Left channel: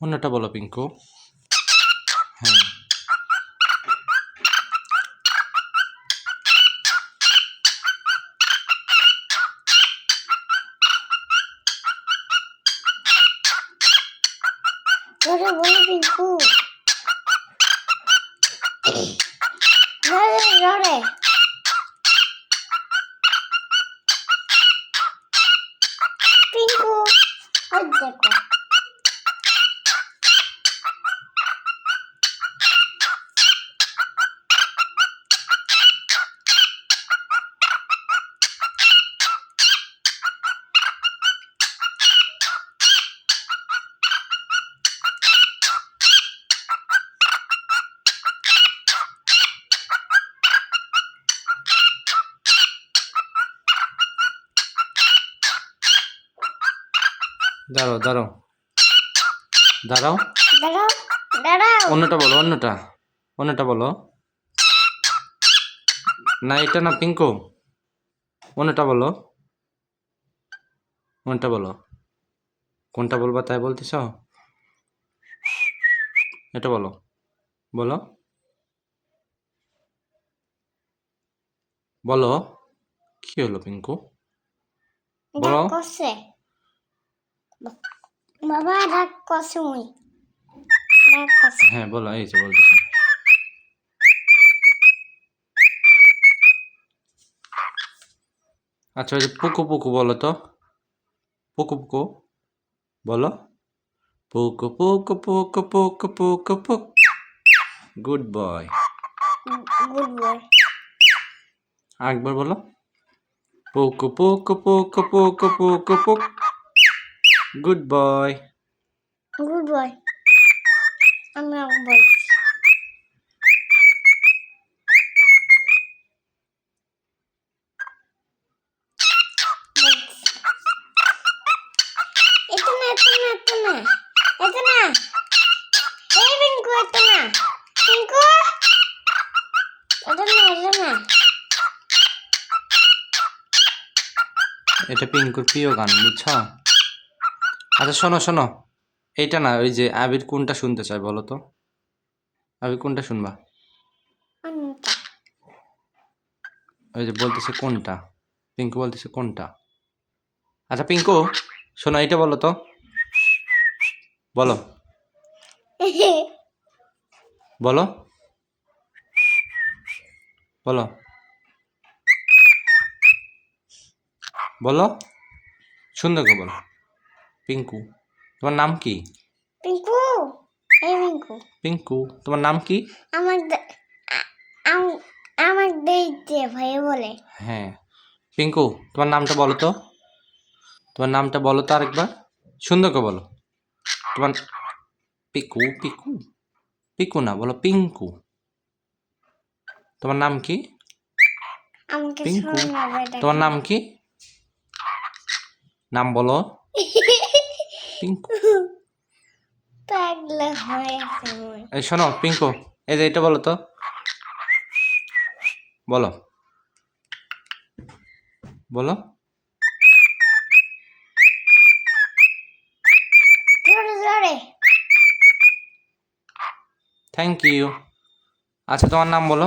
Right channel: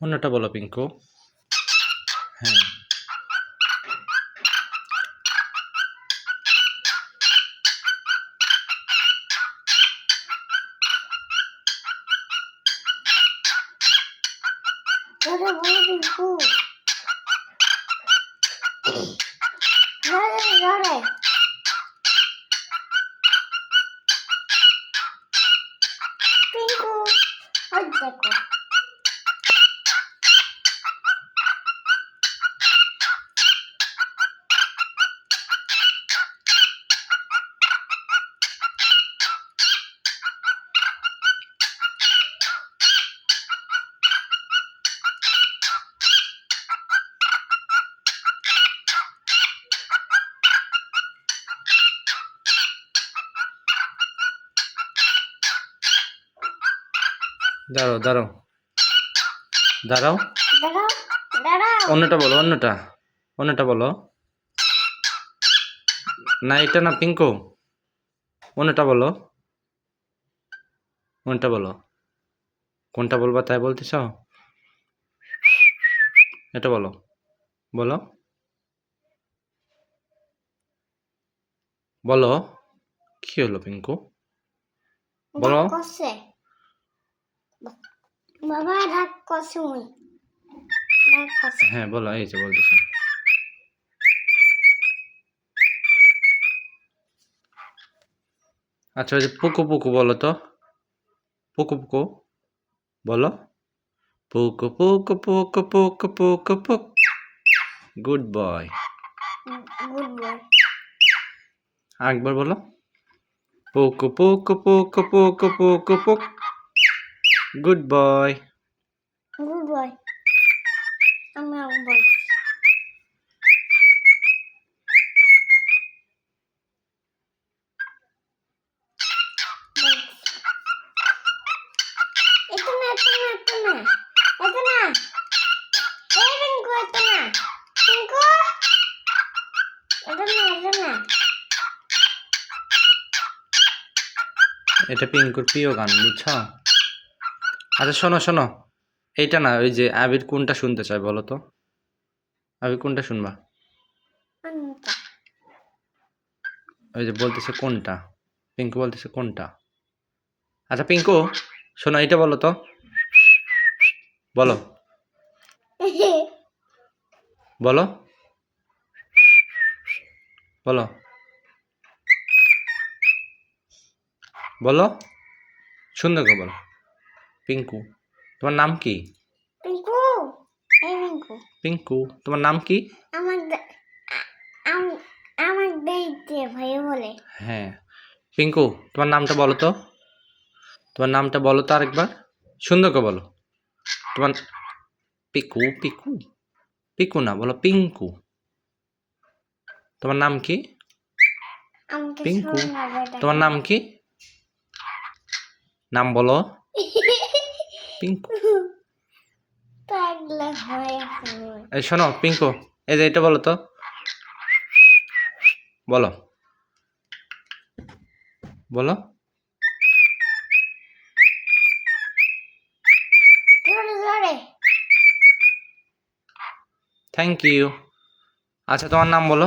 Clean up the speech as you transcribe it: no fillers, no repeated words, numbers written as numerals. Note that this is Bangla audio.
অন্যটা বলো পিঙ্কু। হ্যাঁ, জোরে বলো পিঙ্কু, জোরে জোরে। পিঙ্কু, ওই দেখো। দাঁড়াও দাঁড়াও দাঁড়াও, দাঁড়াও দাঁড়াও। অন্যটা বলো, অন্যটা বলো। না এটা না পিঙ্কু, অন্যটা বলো, কোনটা বলো, কোনটা বলবা তাই বলতেছ? এটা বলো, বলো বলো, কি হলো পিঙ্কু? বলো। ডাক করছে বাবা, ডাক করছে মুই, ডাক করছে। হ্যাঁ বলো, এই যে বলতেছে। আচ্ছা ওই যে পুকু পুকু বলো তো, পুকু পুকু বলো। পুকু পুকু পুকু পুকু পুকু পুক। Good boy. Good boy. আরেকবার বলো। পুকু পুকু পুকু পুকু পুকু পুক। Good boy. Good boy. আমি বলছি। এটা না, এটা না, এটা না, এটা না। এই পিঙ্কু, এটা না। পিঙ্কু, এটা না, এটা না। এটা পিঙ্কুর প্রিয় গান, বুঝছো? আচ্ছা শোনো শোনো, এইটা না, ওই যে আবির কোনটা শুনতে চায় বলো তো? আবির কোনটা শুনবা? কোনটা? ওই যে বলতেছে কোনটা, পিঙ্কু বলতেছে কোনটা। আচ্ছা পিঙ্কু শোনো, এইটা বলো তো, বলো বলো বলো বলো, সুন্দর করে বলো। পিঙ্কু, তোমার নাম কি? পিঙ্কু, এই পিঙ্কু। পিঙ্কু, তোমার নাম কি? আমার আমার দেখতে ভাই বলে। হ্যাঁ পিঙ্কু, তোমার নামটা বলো তো, তোমার নামটা বলো তো আরেকবার, সুন্দর করে বলো। তোমার পিকু পিকু, পিকু না, বলো পিঙ্কু। তোমার নাম কি? আমাকে পিঙ্কু, শোনাবে তোমার দেখো। নাম কি? নাম বলো। পিঙ্কু। পাগলা হয়ে গেছে। এই শোনো পিঙ্কু, এই যে এটা বলো তো, বলো বলো। জোরে জোরে। Thank you. আচ্ছা তোমার নাম বলো।